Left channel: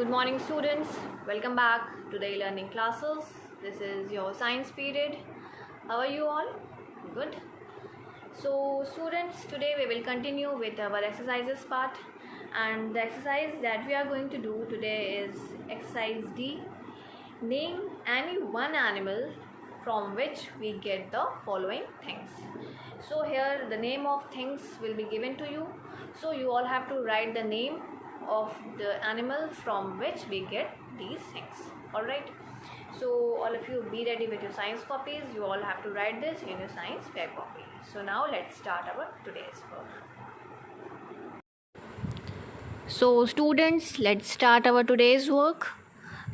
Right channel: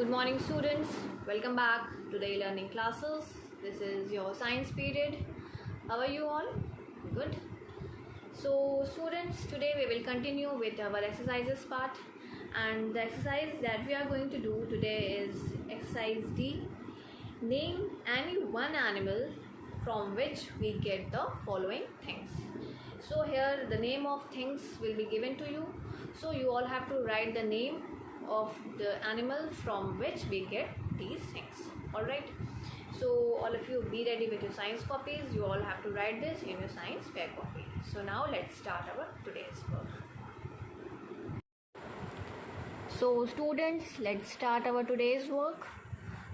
Good morning, students. Welcome back to the e-learning classes. This is your science period. How are you all? Good. So, students, today we will continue with our exercises part, and the exercise that we are going to do today is exercise D. Name any one animal from which we get the following things. So here the name of things will be given to you. So you all have to write the name of the animal from which we get these things. Alright. So all of you be ready with your science copies. You all have to write this in your science fair copy. So now let's start our today's work. So students, let's start our today's work.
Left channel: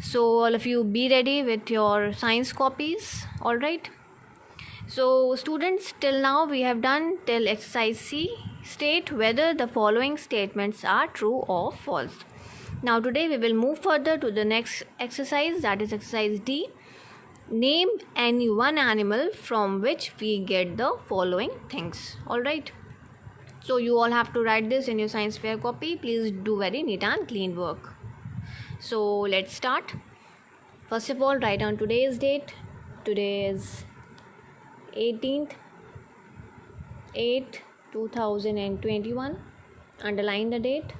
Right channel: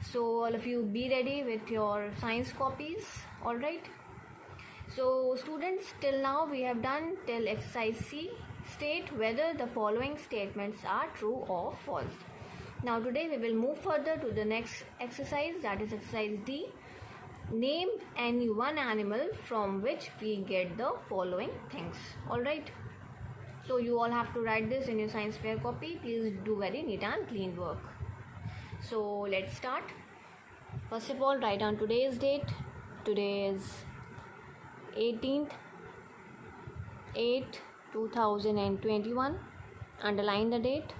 So all of you be ready with your science copies. Alright. So students, till now we have done till exercise C. State whether the following statements are true or false. Now today we will move further to the next exercise, that is exercise D. Name any one animal from which we get the following things. Alright. So you all have to write this in your science fair copy. Please do very neat and clean work. So let's start. First of all, write down today's date. Today is 18th 8 2021. Underline the date.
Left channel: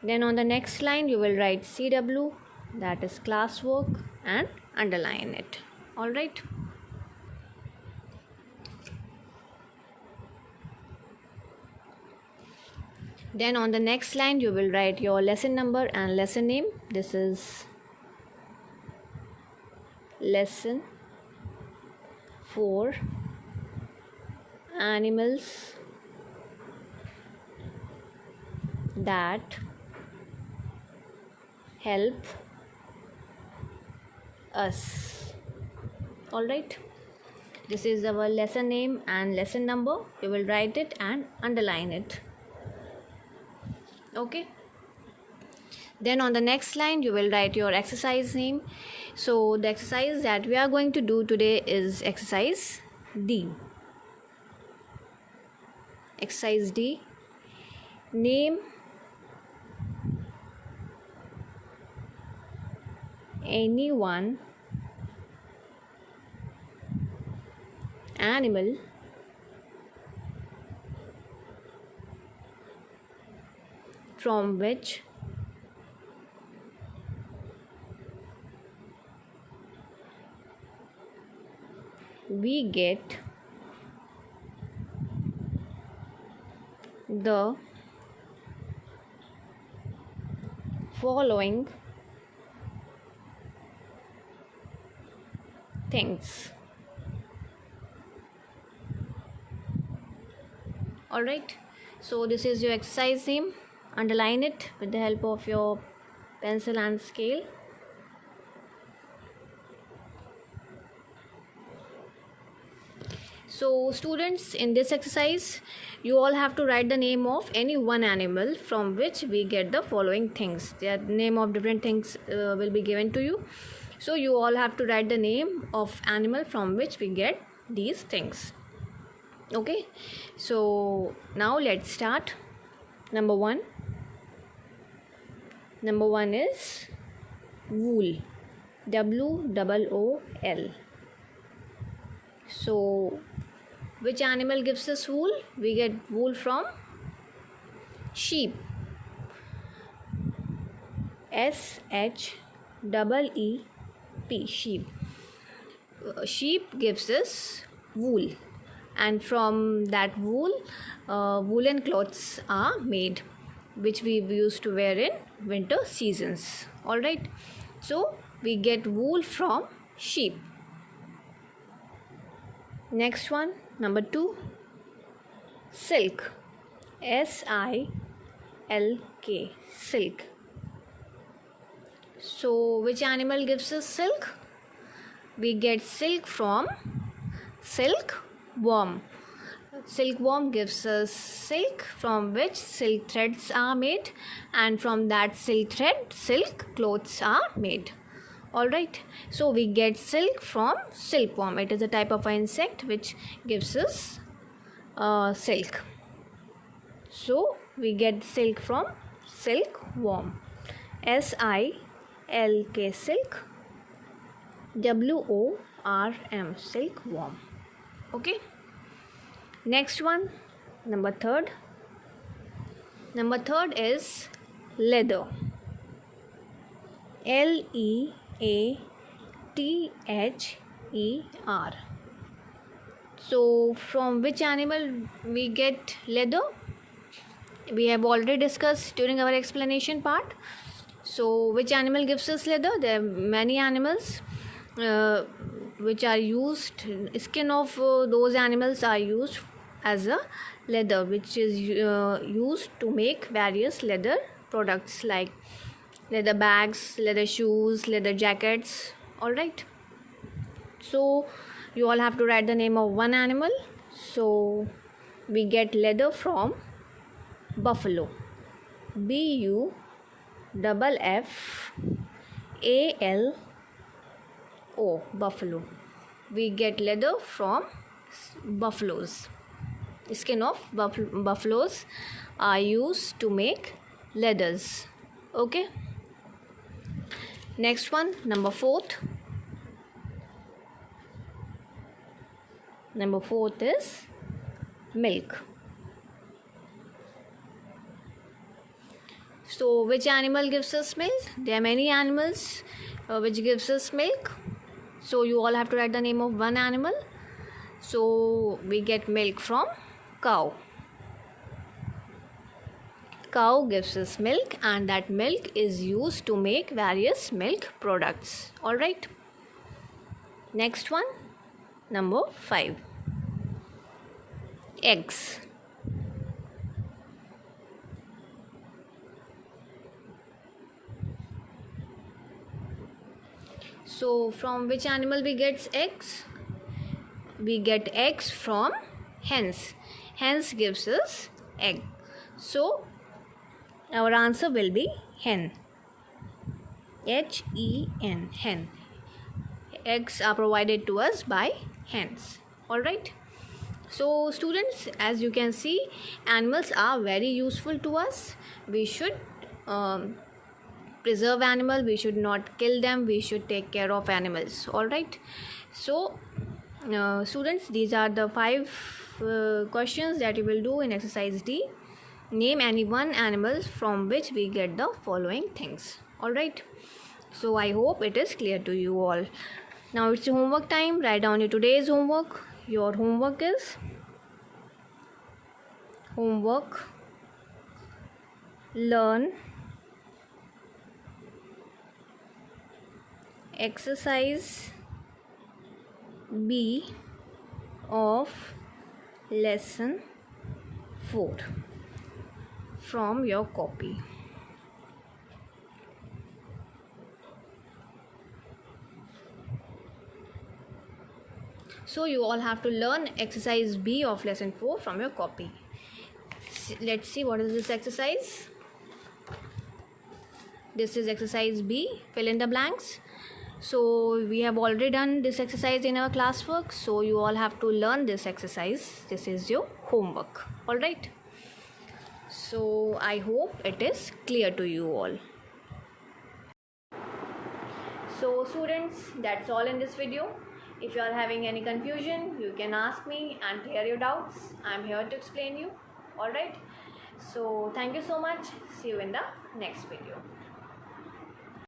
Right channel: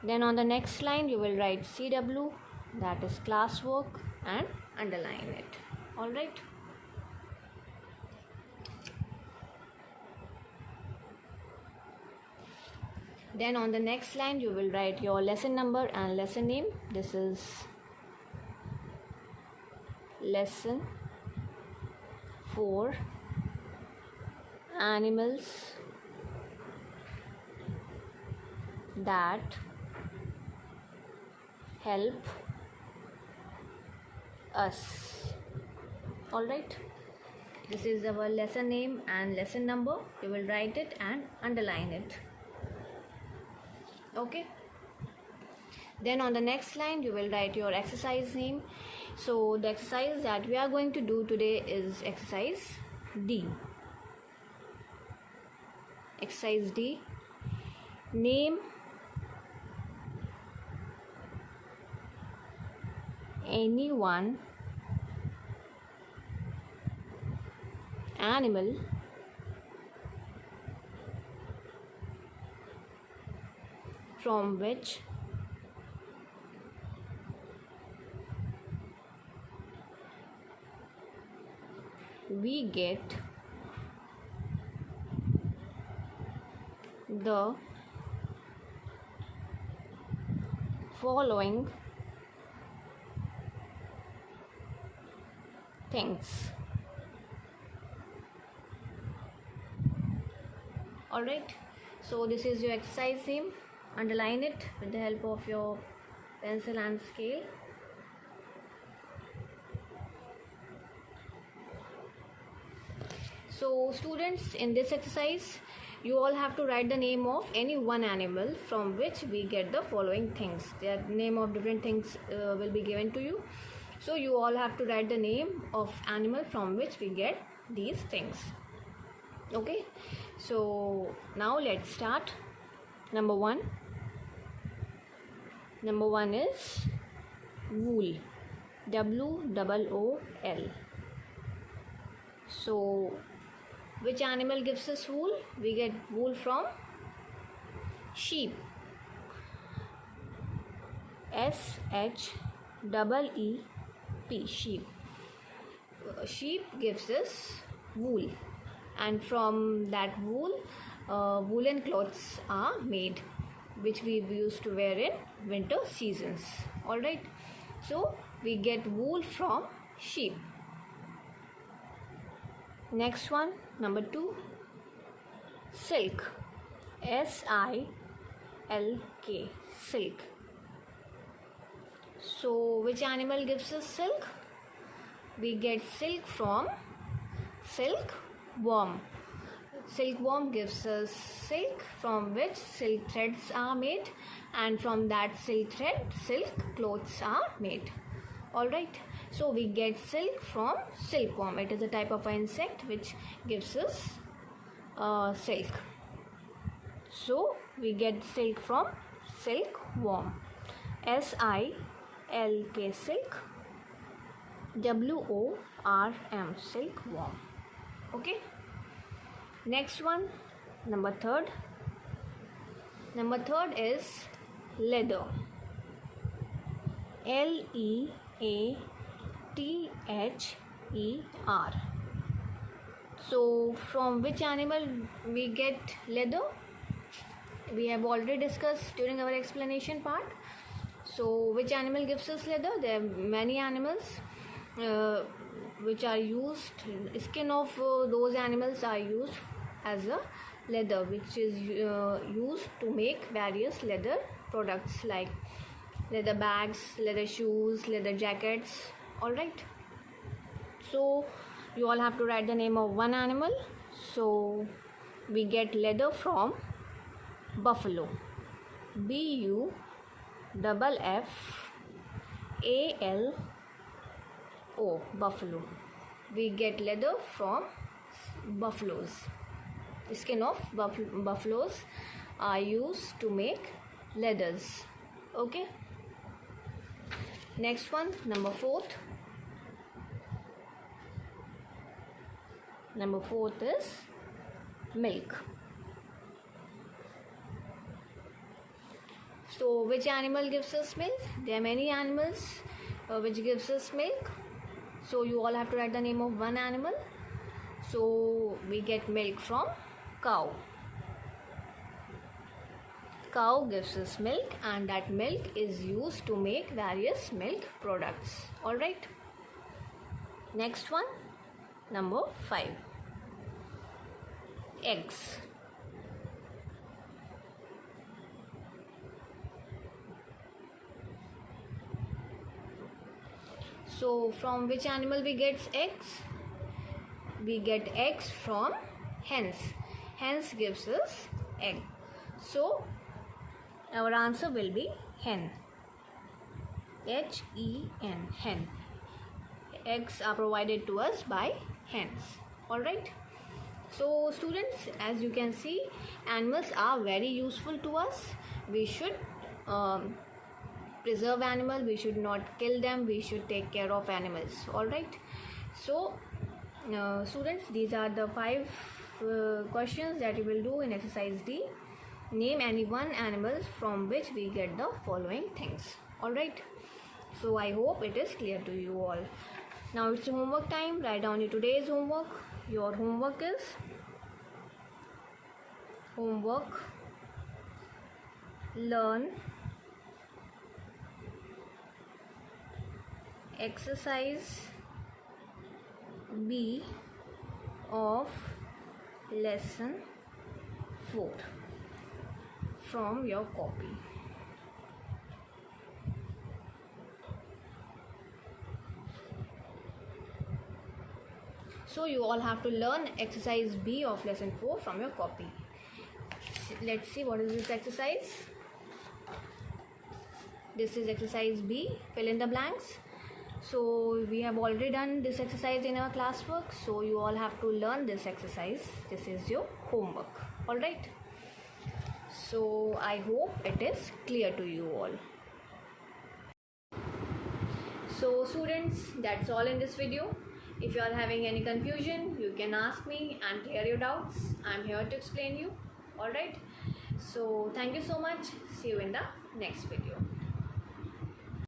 Then on the next line you will write CW, that is classwork, and underline it. Alright. Then on the next line you will write your lesson number and lesson name. This is lesson 4, animals that help us. Alright. This is our lesson name and lesson number. You will write it and underline it. Okay. Then on the next line you will write your exercise name. So the exercise that we are going to do today is exercise D. Exercise D. Name any one animal from which we get the following things. Alright. So this is your exercise name. Underline it with the help of your pencil and scale. So students, in this exercise you all have to write the name of any one animal from which we get the following things. The name of different things will be given to you. So you all have to write the name of animal from which we get these things. Okay. So now let's start. Number one is wool. WOOL. So which animal gives us wool? We get wool from sheep. SHEEP. Sheep. Sheep gives us wool, and from that wool woolen clothes are made, which we used to wear in winter seasons. Alright. So we get wool from sheep. Next one, number 2, silk. SILK. Silk. So which animal gives us silk? We get silk from silkworm. Silkworm gives us silk from which silk threads are made, and from that silk thread silk clothes are made. Alright. So we get silk from silkworm. It is a type of an insect which gives us silk. So we get silk from silkworm. SILK silk, WORM silkworm. Okay. Next one, number third. Number third is leather. LEATHER. So from which animal we get leather? We have already discussed during our explanation part. So which animal gives us leather? There are many animals which are used. Skin of those animals are used as a leather, which is used to make various leather products like leather bags, leather shoes, leather jackets. All right. So you all have to write the name of one animal. So we get leather from buffalo. BUFFALO, buffalo. We get leather from buffaloes. The skin of buffaloes are used to make leathers. Okay. Next one, number fourth. Number fourth is milk. So which animal gives us milk? There are many animals which gives us milk. So you all have to write the name of one animal. So we get milk from cow. Cow gives us milk, and that milk is used to make various milk products. All right. Next one, number 5. Eggs. So from which animal we get eggs? We get eggs from hens. Hens gives us egg. So our answer will be hen. HEN, hen. Eggs are provided to us by hens. All right. So students, as you can see, animals are very useful to us. We should preserve animals. We should not kill them. We should take care of animals. All right. So students, these are the 5 questions that you will do in exercise D. Name any one animal from which we get the following things. All right. So I hope it is clear to you all. Now it's homework time. Write down your today's homework. Your homework is learn exercise B of lesson 4 from your copy. So you all have to learn exercise B of lesson 4 from your copy. Let's see what is this exercise. This is exercise B, fill in the blanks. So we have already done this exercise in our classwork. So you all have to learn this exercise. This is your homework. All right. So I hope it is clear to you all. So students, that's all in this video. If you are having any confusion, you can ask me and clear your doubts. I'm here to explain you. All right. So thank you so much. See you in the next video.